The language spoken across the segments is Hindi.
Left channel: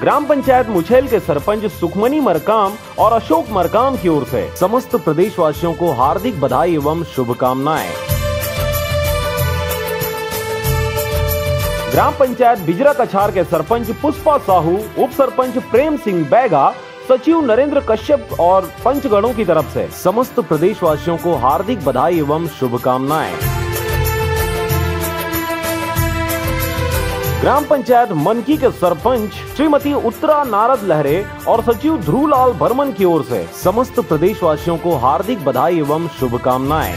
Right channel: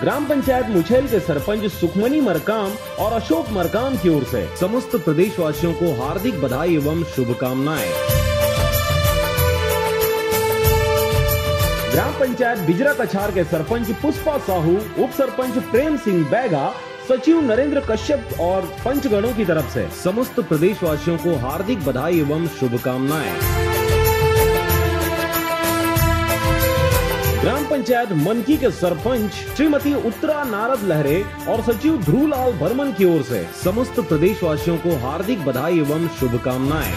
ग्राम पंचायत मुछेल के सरपंच सुखमनी मरकाम और अशोक मरकाम की ओर से समस्त प्रदेशवासियों को हार्दिक बधाई एवं शुभकामनाएं। ग्राम पंचायत बिजरा कछार के सरपंच पुष्पा साहू, उप सरपंच प्रेम सिंह बैगा, सचिव नरेंद्र कश्यप और पंचगणों की तरफ से समस्त प्रदेशवासियों को हार्दिक बधाई एवं शुभकामनाएं। ग्राम पंचायत मनकी के सरपंच श्रीमती उत्तरा नारद लहरे और सचिव ध्रुवलाल बर्मन की ओर से समस्त प्रदेशवासियों को हार्दिक बधाई एवं शुभकामनाएं।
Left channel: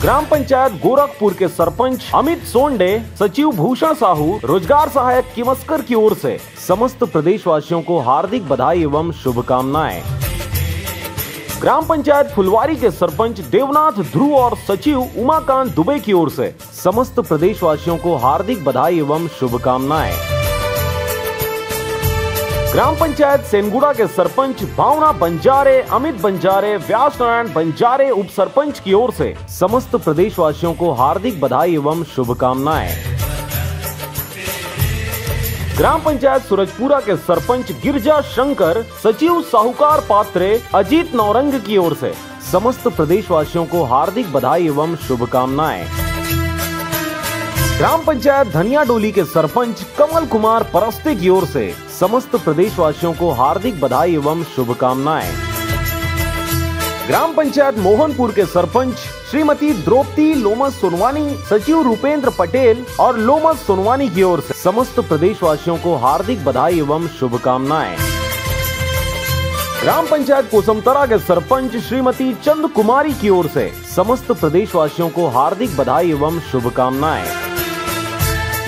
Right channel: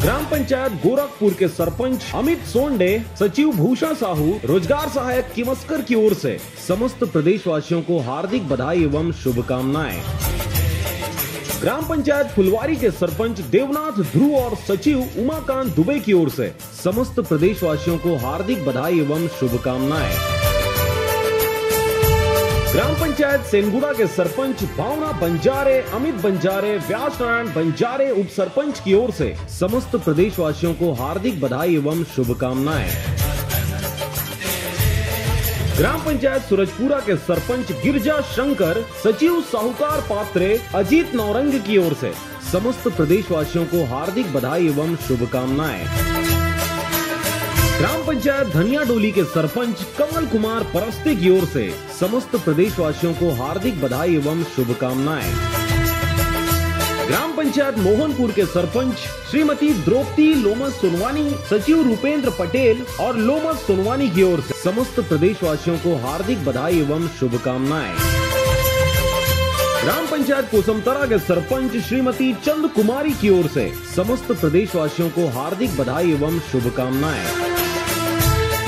ग्राम पंचायत गोरखपुर के सरपंच अमित सोंडे, सचिव भूषण साहू, रोजगार सहायक किमस्कर की ओर से समस्त प्रदेशवासियों को हार्दिक बधाई एवं शुभकामनाएं। ग्राम पंचायत फुलवारी के सरपंच देवनाथ ध्रुव और सचिव उमाकांत दुबे की ओर से समस्त प्रदेशवासियों को हार्दिक बधाई एवं शुभकामनाएं। ग्राम पंचायत सेनगुड़ा के सरपंच भावना बंजारे, अमित बंजारे, व्यास नारायण बंजारे उप सरपंच की ओर से समस्त प्रदेशवासियों को हार्दिक बधाई एवं शुभकामनाएं। ग्राम पंचायत सूरजपुरा के सरपंच गिरजा शंकर, सचिव साहूकार पात्रे, अजीत नौरंग की ओर से समस्त प्रदेशवासियों को हार्दिक बधाई एवं शुभकामनाएं। ग्राम पंचायत धनिया डोली के सरपंच कमल कुमार परस्ते की ओर से समस्त प्रदेशवासियों को हार्दिक बधाई एवं शुभकामनाएं। ग्राम पंचायत मोहनपुर के सरपंच श्रीमती द्रौपदी लोमस सोनवानी, सचिव रूपेंद्र पटेल और लोमस सोनवानी की ओर से समस्त प्रदेशवासियों को हार्दिक बधाई एवं शुभकामनाएं। ग्राम पंचायत कोसमतरा के सरपंच श्रीमती चंद कुमारी की ओर से समस्त प्रदेशवासियों को हार्दिक बधाई एवं शुभकामनाएं।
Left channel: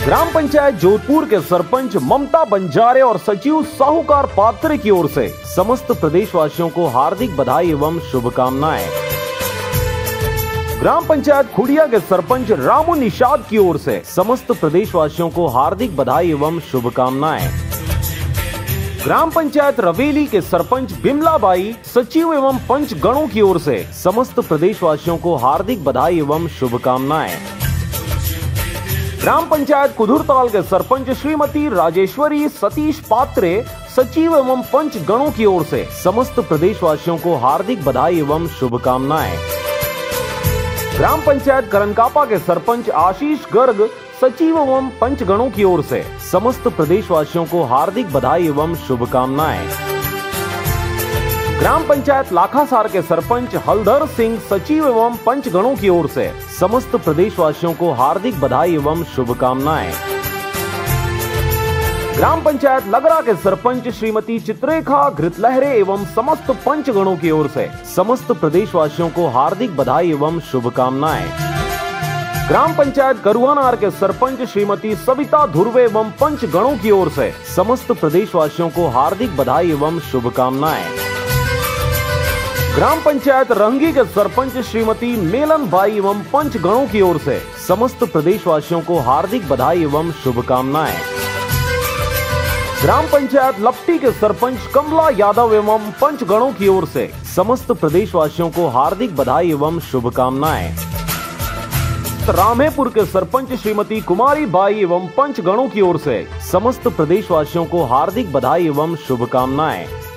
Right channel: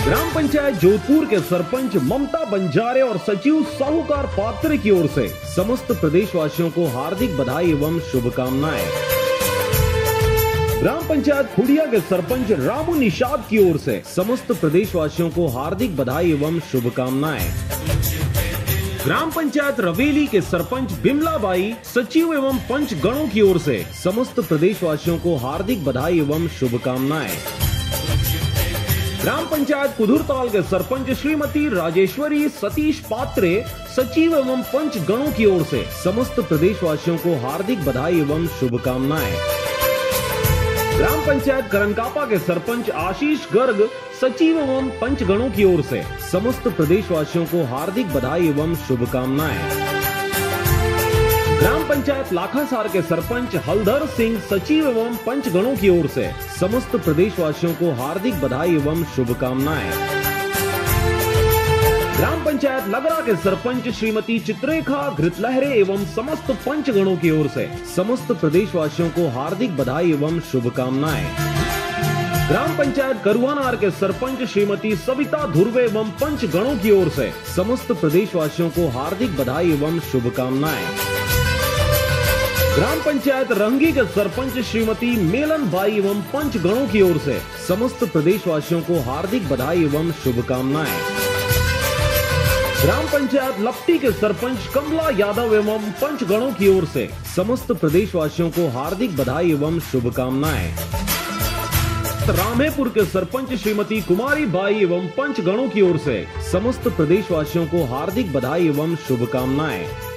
ग्राम पंचायत जोधपुर के सरपंच ममता बंजारे और सचिव साहूकार पात्रे की ओर से समस्त प्रदेशवासियों को हार्दिक बधाई एवं शुभकामनाएं। ग्राम पंचायत खुड़िया के सरपंच रामू निषाद की ओर से समस्त प्रदेशवासियों को हार्दिक बधाई एवं शुभकामनाएं। ग्राम पंचायत रवेली के सरपंच बिमलाबाई, सचिव एवं पंचगणों की ओर से समस्त प्रदेशवासियों को हार्दिक बधाई एवं शुभकामनाएं। ग्राम पंचायत कुदुरताल के सरपंच श्रीमती राजेश्वरी सतीश पात्रे, सचिव एवं पंचगणों की ओर से समस्त प्रदेशवासियों को हार्दिक बधाई एवं शुभकामनाएं। ग्राम पंचायत करनकापा के सरपंच आशीष गर्ग, सचिव एवं पंचगणों की ओर से समस्त प्रदेशवासियों को हार्दिक बधाई एवं शुभकामनाएं। ग्राम पंचायत लाखासार के सरपंच हलधर सिंह, सचिव एवं पंचगणों की ओर से समस्त प्रदेशवासियों को हार्दिक बधाई एवं शुभकामनाएं। ग्राम पंचायत लगरा के सरपंच श्रीमती चित्रेखा घृतलहरे एवं समस्त पंचगणों की ओर से समस्त प्रदेशवासियों को हार्दिक बधाई एवं शुभकामनाएं। ग्राम पंचायत करुआनार के सरपंच श्रीमती सविता धुर्वे एवं पंचगणों की ओर से समस्त प्रदेशवासियों को हार्दिक बधाई एवं शुभकामनाएं। ग्राम पंचायत रंगी के सरपंच श्रीमती मेलन बाई एवं पंचगणों की ओर से समस्त प्रदेशवासियों को हार्दिक बधाई एवं शुभकामनाएं। ग्राम पंचायत लपटी के सरपंच कमला यादव एवं पंचगणों की ओर से समस्त प्रदेशवासियों को हार्दिक बधाई एवं शुभकामनाएं। रामेपुर के सरपंच श्रीमती कुमारी बाई एवं पंचगणों की ओर से समस्त प्रदेशवासियों को हार्दिक बधाई एवं शुभकामनाएं।